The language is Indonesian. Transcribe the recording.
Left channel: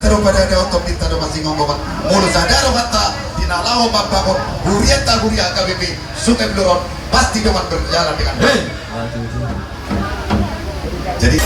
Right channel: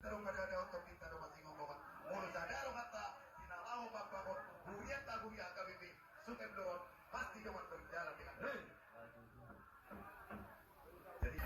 daripada ada otot kita ada masih ngomong mulut sadar kata dinalawo mabangun huriata huria KBP Sungai Blorong pasti dengan berjalan dengan baik. Jadi